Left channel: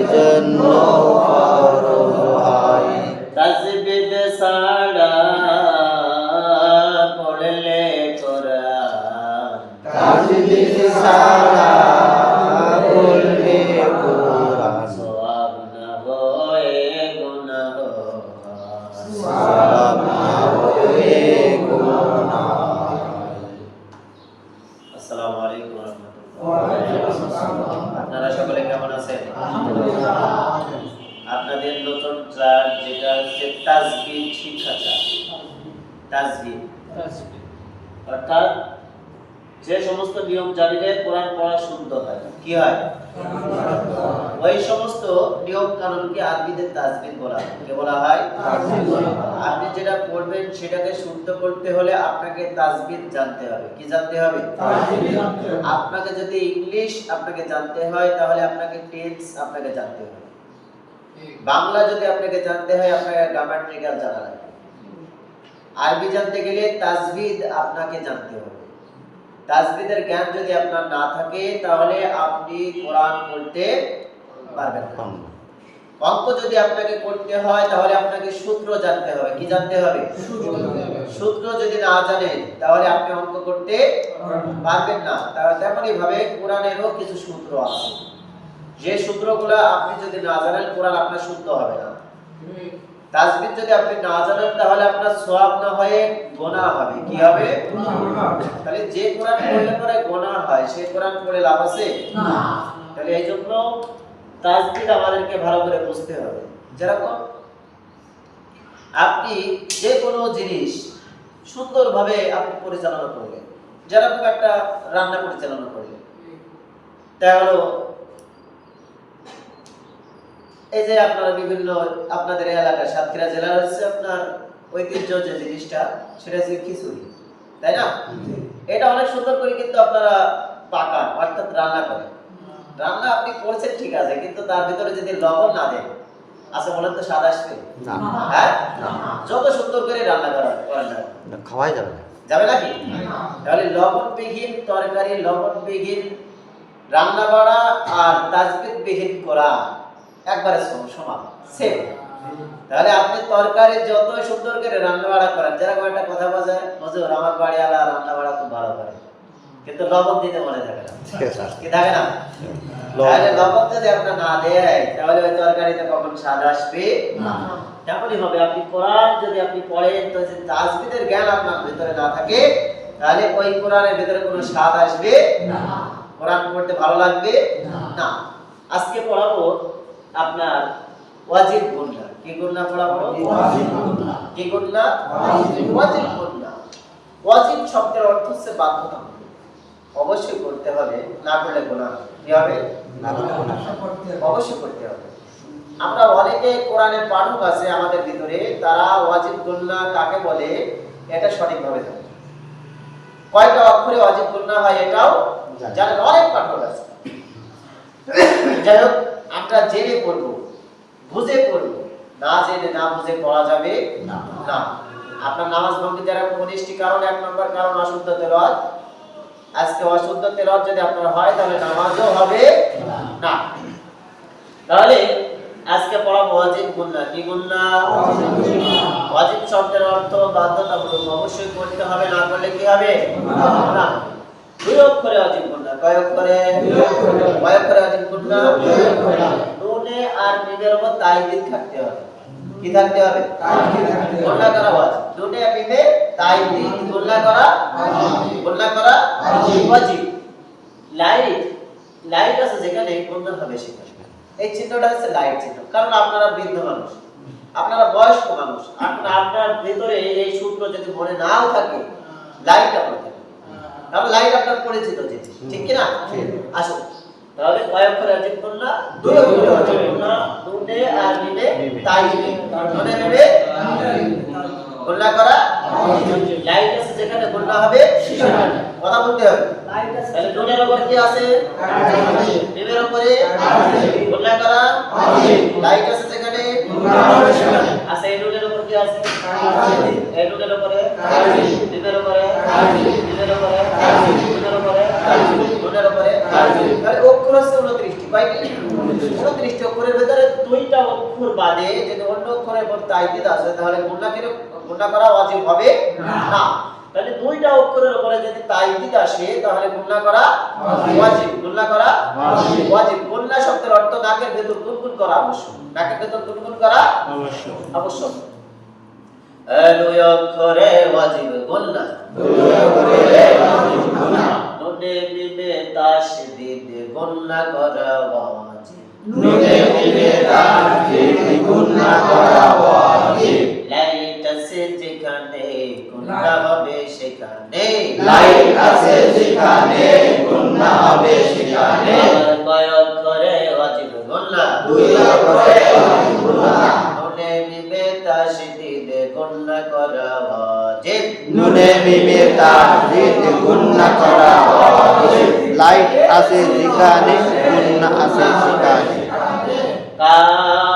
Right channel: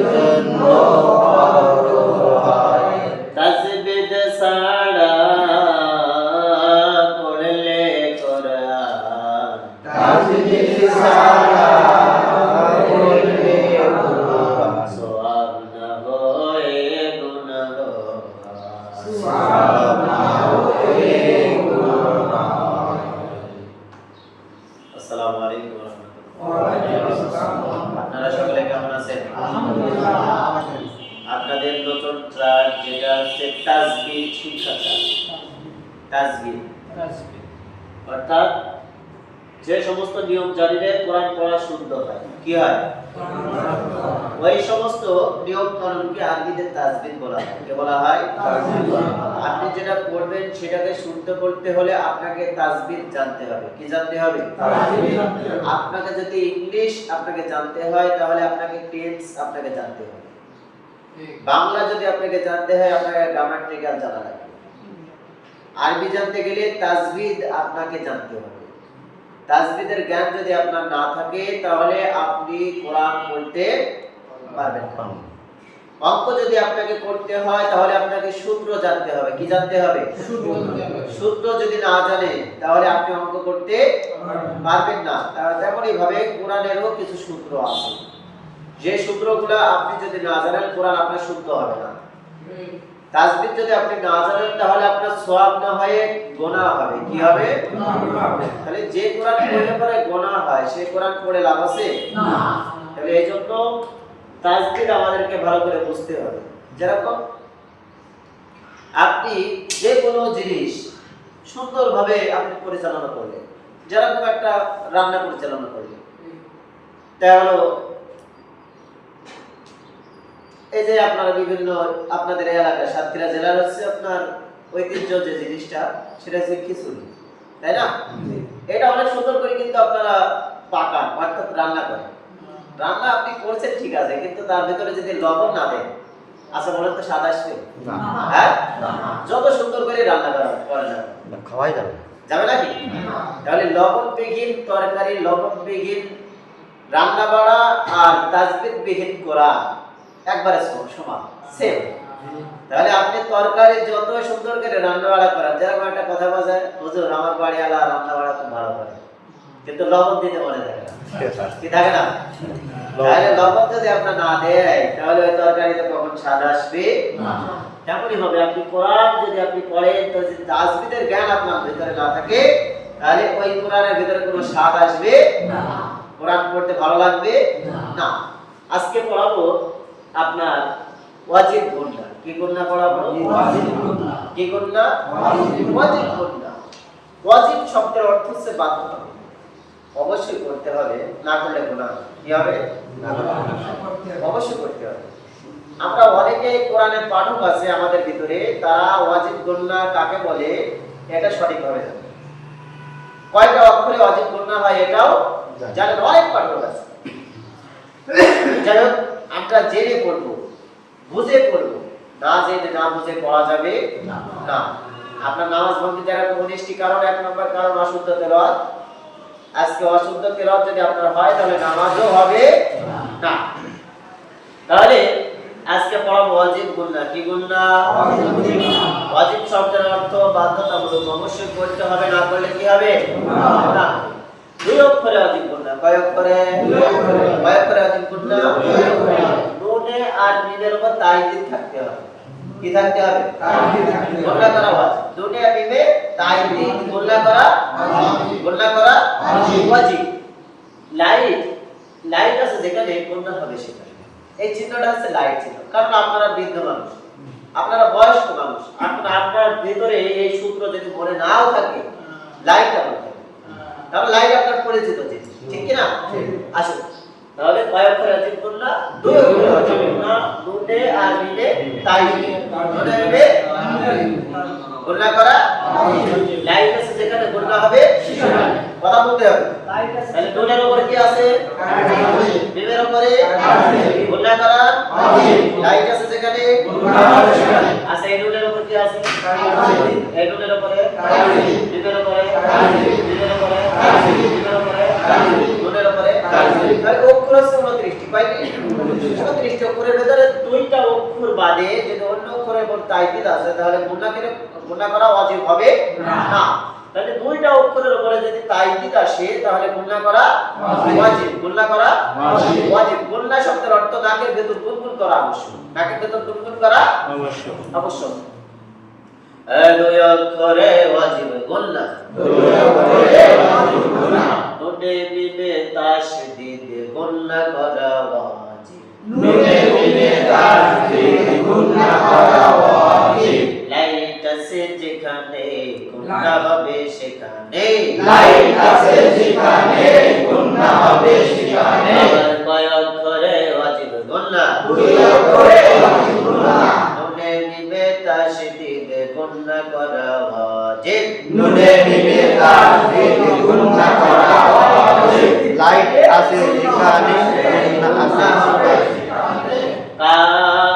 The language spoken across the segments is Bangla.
Yeah. আছেন আপনাদের নতুন ট্রাক যেটা হচ্ছে তাজবিদ শিক্ষা ট্রাক অর্থাৎ যে সমস্ত নিয়ম জানিলে কোরআন পড়া শুদ্ধ হয়। কি হয়? ওই সমস্ত নিয়ম কানুনকে আরবিতে তাজবিদ বলা হয়। কে বলা হয়? আপনি যেটা পড়বেন সেটাকে শুদ্ধ করতে হলে আপনাকে তাজবিদ জানতে হবে। কি জানতে হবে? আপনাকে যদি ইংলিশ আপনাকে জানতে হয় তাহলে আপনাকে টেন্স আপনাকে জানতে হবে। বাংলা যদি আপনাকে জানতে হয় আপনাকে গ্রামাটিক্যাল জানা লাগবে। আরবি জানতে গেলে তাজবিদ আপনাকে জানতে হবে। তাজবিদের জ্ঞান যদি আপনার না থাকে তাহলে আপনি কোরআন পড়তে পারবেন না। অঙ্ক যদি আপনাকে করতে হয় তাহলে আপনাকে সূত্র জানতে হবে। কি জানতে হবে? সূত্র যদি না জানেন তাহলে আপনি অঙ্ক করতে পারবেন না। তেমনই ভাবে কোরআনেরও কিছু সূত্র আছে। যে সূত্রগুলো আপনি যদি না জানেন কোরআন আপনার শুদ্ধ হবে না। তাজবিদ যদি আপনি না জানেন তাহলে আপনার সোয়াব না হয়ে গোনা হবে। কি হবে? তাহলে যে কোরআন পড়লে পরে গোনা হয় সেই কোরআন পড়ে লাভ আছে? তাহলে এই জন্য তাজবিদ আমাদেরকে ভালো করে বুঝতে হবে। যেরকম আপনি যে কোনো জিনিস সুন্দরভাবে আপনি পরিচালনা করলেন যেরকম একটা রান্না পরিচালনা করলেন। তা হলো এই যে আপনারা বিভিন্ন আপনাদের এলাকায় সাতক্ষীরা জেলার হচ্ছে আপনার ঐতিহ্য যে জিনিসটা সেটা হচ্ছে খিচুড়ি তাই না? এটা অনেক সুন্দর করে কিন্তু আপনারা পাকান অর্থাৎ রান্না করেন। রান্না আপনি করছেন ঠিক আছে কিন্তু তার ভিতরে যদি লবণ না দেন আচ্ছা বলেন তো স্বাদ আসবে? হ্যাঁ? যত সুন্দর করে রান্না করা করেন না। খাওয়াই যাবে না। যাবে নাকি? তাহলে লবণ বিহীন তরকারি লবণ বিহীন রান্না বাড়া আর তাজবিদ বিহীন করা একবারে সম- সমান সেম তাহলে আপনি তরকারি যত সুন্দর করে রান্না বাড়া করেন যেরকম একটা কথা বাজায় হুজুর আমার বাড়ি আলা রান্না বাড়া খুব ভালো করে। কিন্তু লবণ দিতে মনে থাকে না। কি থাকে না? তাহলে লবণ যদি আপনার না দেয় তাহলে ওই তরকারিতে কখন স্বাদ আসবে? তেমনই হবে। আপনি কোরআন যদি আপনি পড়েন তো যদি তাজবিদের জ্ঞান আপনার ভিতরে না থাকে তাহলে ওই কোরআনের ভিতরে কোনো স্বাদ আসবে? কোরআন পড়তে ভালো লাগবে? না। আজকে পড়াবো আপনার ওয়াজিব গুণনা কি গুণনা পড়াবো? কি গুণনা ওয়াজিব। গুণনা ওয়াজিব শব্দের অর্থ হচ্ছে বাধ্যতামূলক অবশ্যই করতে হবে না করলে হবে। কি হবে? অবশ্যই করতে হবে। আমরা অনেকে কোরআনের পাঠক আছে আমাদের ভিতরে তারা ওয়াজিব গুন্না কাকে বলে? এটা সঠিকভাবে জানে। না। কয়টা অক্ষরে ওয়াজিব গুন্না হয় এটাও জানেন অনেক পাঠক আছে। যাই হোক আমরা জেনে পড়ব বুঝে পড়ব না জেনে না বুঝে পড়া যাবে না। আপনার নামাজ ভঙ্গি দ্বারা উনিশটি কারণ এক নম্বর কারণ অশুদ্ধ তেলাওয়াত। আজকে অশুদ্ধ তেলাওয়াত যদি আপনার হয় তাহলে নামাজও হবে না। তাহলে আজকে পড়াবো ওয়াজিব গুন্না কি গুন্না ওয়াজিব শব্দের অর্থ বাধ্যতামূলক অবশ্যই করতে হবে না করলে কি হবে? না। দুই অক্ষরে ওয়াজিব গুন্না কয় অক্ষরে? কয় অক্ষরে ওয়াজিব গুন্না নুনে আর মিমের উপর তাইদিন থাকতে হবে। কি থাকতে হবে? গুন্না করা নুনে আর মিমে তাইদিন গুন্না করা গুন্না করা ওয়াজিব লাইট লাইট আছে যেখানে গুন্না হবে সেখানে এই চিহ্নটা হচ্ছে লাইট চিহ্ন। কারণ আপনারা বৃদ্ধ মানুষ আপনারা বয়স্ক মানুষ আপনার আপনার ভিতরে এই সূত্র যদি মনে নাও থাকে লাইট আপনার থাকে। তাহলে লাইট আপনার পরিচিত জিনিস। ঠিক কি না আসুন। তাহলে কয় অক্ষরে অজিব গুন্না দুই অক্ষরে অজিব গুন্না নুনে আর মিমে তাই। নুনে মিমে গুন্না করা লাইট আছে যেখানে গুন্না হবে কথা বলতে হবে। তাহলে নুনের উপর কি আছে? মিমের উপরে গুন্না করা লাইট আছে যেখানে? আছে এই নুনের উপর কি আছে? এই নুনের উপরে মিমের উপরে মিমের উপরে নুনের উপরে তাহলে অক্ষর আছে উনত্রিশটি কয়টি উনত্রিশটি অক্ষরের ভেতরে দুইটা অক্ষর বাদে যদি অন্য অক্ষরের উপর তাইদিদ আছে তাহলে গুণা করে গুণা করা ওয়াজিব হবে না। তাহলে দুইটা অক্ষরের উপরে যদি তাইদিদ আসে তাহলে গুণা করা ওয়াজিব। গুণা করা ওয়াজিব। গুণা শব্দের অর্থ নাকের ভেতর গুনগুন করা আবশ্যক। নাকের ভেতর গুনগুন করা আবশ্যক। এই দুই অক্ষরে ওয়াজিব গুণা নুনে মিমে তাসদিদ গুণা করা ওয়াজিব। লাইট আছে যেখানে গুণা হবে সেখানে আবার কয় অক্ষরে ওয়াজিব গুণা নুনে মিমে তাসদিদ গুণা করা ওয়াজিব লাইট আছে যেখানে গুন্না আছে সেখানে কাফ পেশকু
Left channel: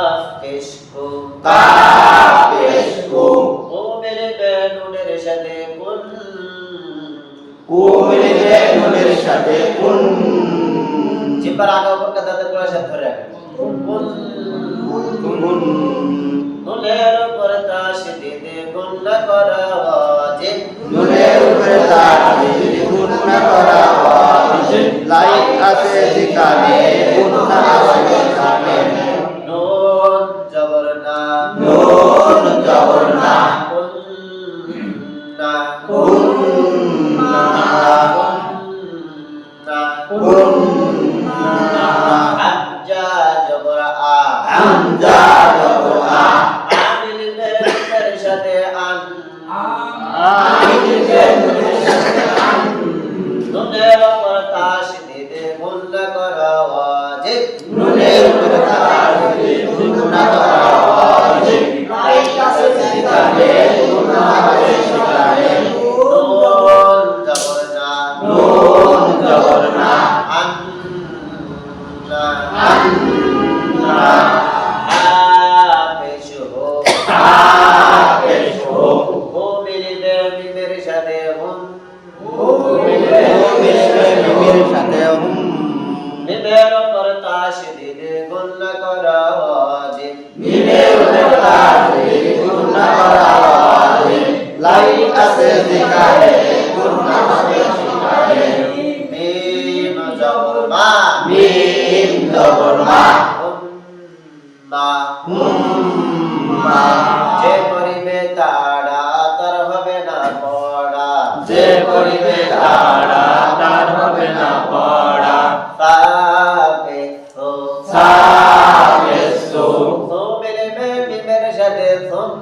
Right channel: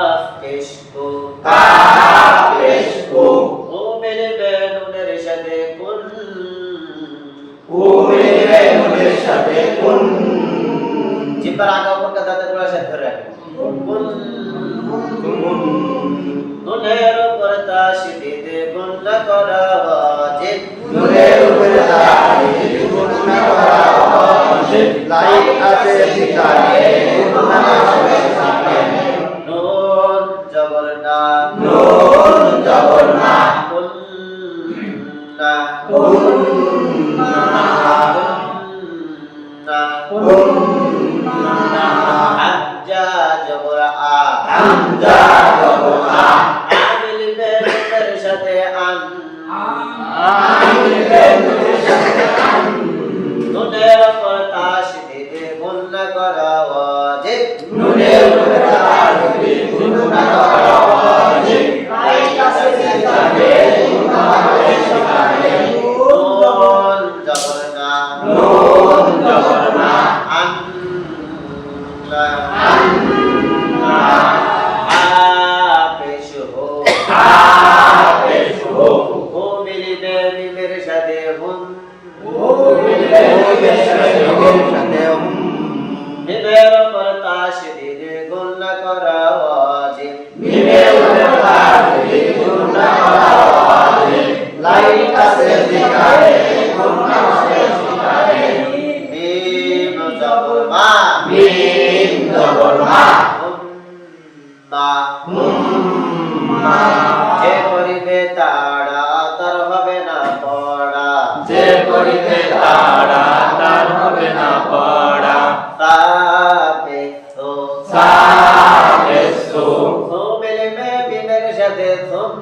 যে করিবে তাড়া তার হবে না পড়া। যে করিবে তারা তার হবে না পড়া। তাপে ও সাবেসু ও মিলিবে মিমের সাথে তুম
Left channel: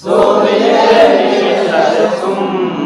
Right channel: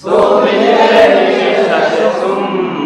সুমিলে মিমির সাথে সুম।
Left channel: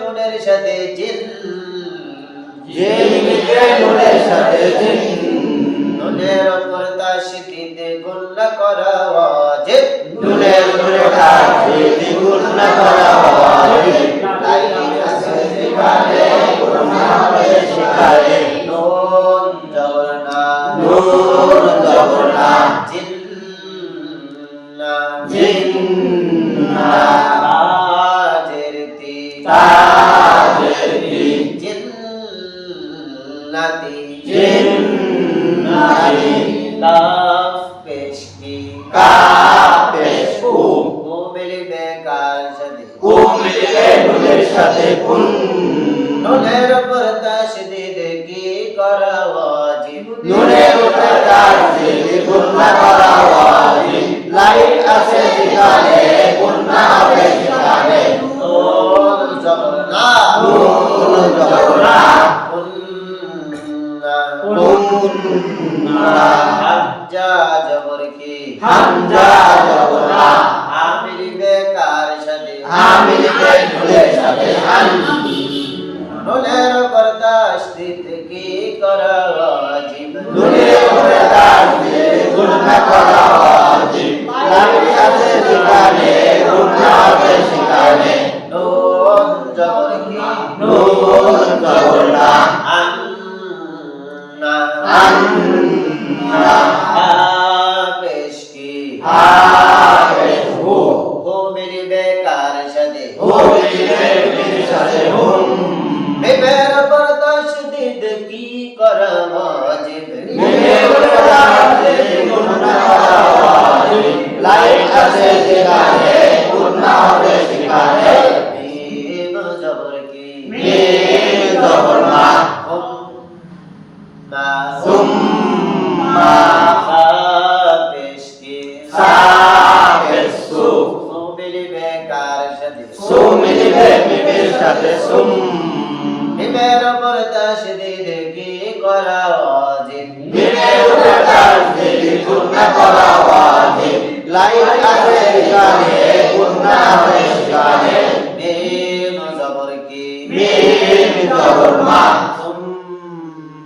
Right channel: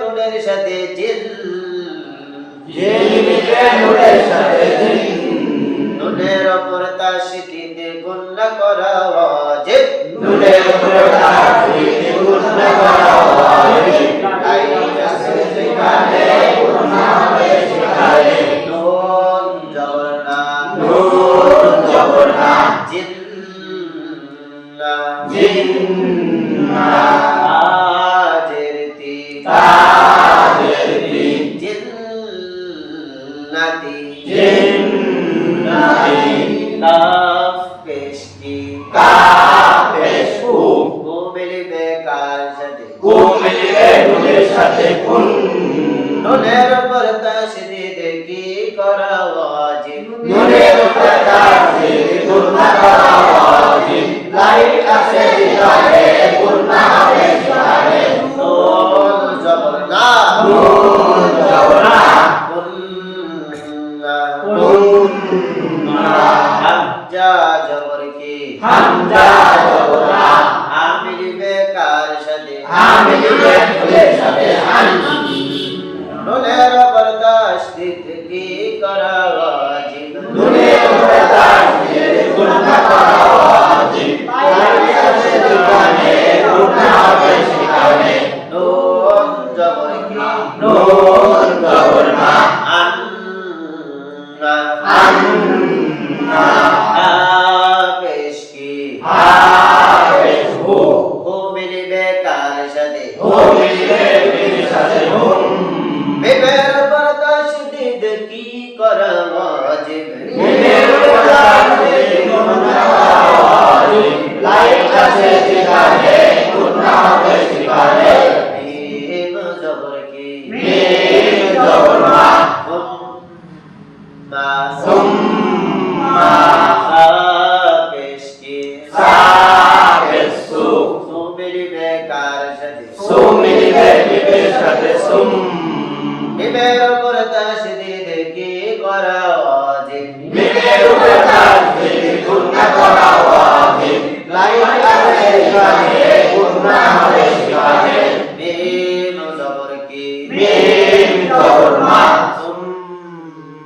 নুনের সাথে জিল নুনের উপর তাসদিদ গুণা করা ওয়াজিব নুনের উপর তার বিধি গুণা করা জিন্না তাজের তি তাজের তি জিন্নাতি জিন্নাতি কাফ পেশকি সাথে কুন নুনের উপর তাসদিদ কি করা নুনের গুণা করা ওয়াজিব লাইট আছে যেখানে গুণা হবে সেখানে নুন জবর নুন জবরা কুন্না কুন্না হামজা জবর কি হামজা জবরা হামিল বেকার সাথে হামিলিবে নুলের সাথে হান নুনের উপর কি করা ওয়াজিব নুনের উপর তাসদিদ গুণা করা ওয়াজিব লাইট আছে যেখানে গুণা হবে সেখানে নুন জবর কি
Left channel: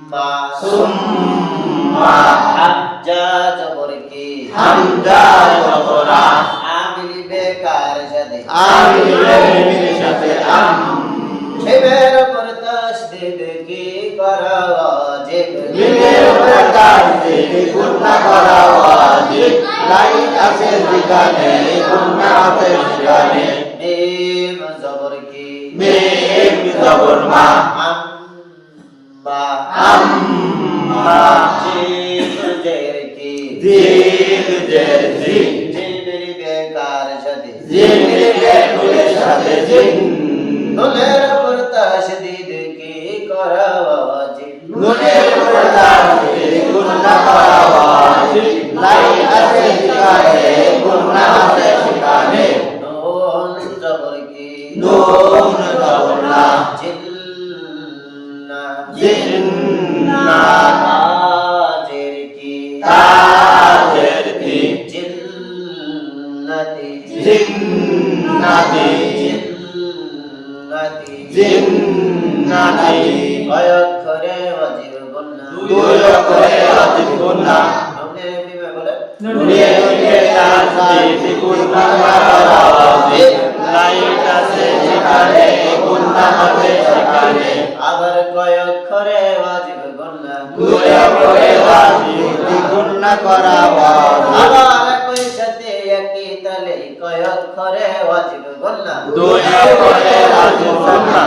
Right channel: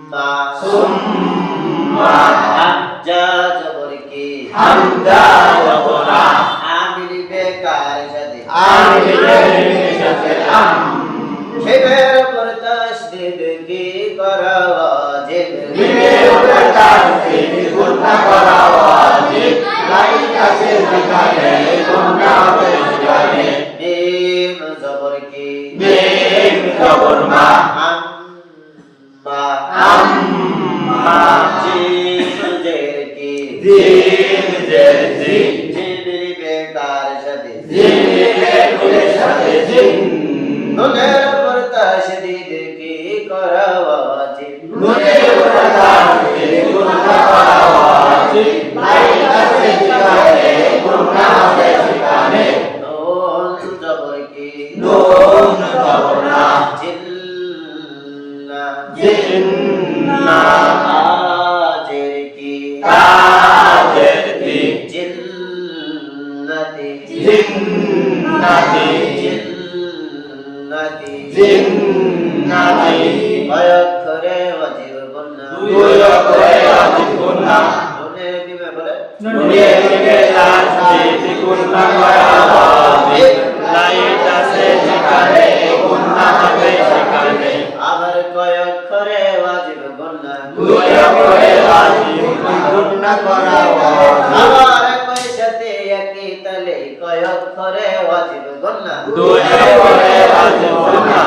সুম্মা। সুম্মা। হামজা জবর কি? হামজা জবরা। আমিল বেকার সাথে। আমিলে নুলের সাথে। আম বেবের উপর তাসদিদ কি করা ওয়াজিব নুনের উপর তাসদিদ গুণা করা ওয়াজিব লাইট আছে যেখানে গুণা হবে সেখানে মিম জবর কি? মিম জবর মা। আম্মা আম্মা জিম জের কি? দিন দের দিন জিবিল বেকার সাথে। জিনিলে নুলের সাথে জিন নুনের উপর তাসদিদ কি করা ওয়াজিব? নুনের উপর তাসদিদ গুণা করা ওয়াজিব। লাইট আছে যেখানে গুণা হবে সেখানে নুন জবর কি? নুন জবর না। তাজের তি জিন্নাতি। অক্ষরে ওয়াজিব গুন্না দুই অক্ষরে ওয়াজিব গুণা নুনে বিবে বলে। নুনের দিকে তাসদিদ গুণা করা ওয়াজিব লাইট আছে যেখানে গুণা হবে واجب الظن دوجه করে রাজিব সন্না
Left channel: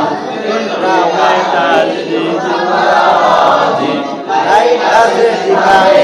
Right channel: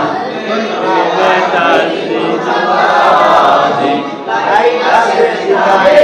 তুমি তাজমি জিন্দাবাজি তাই। নাজর জিহায়ে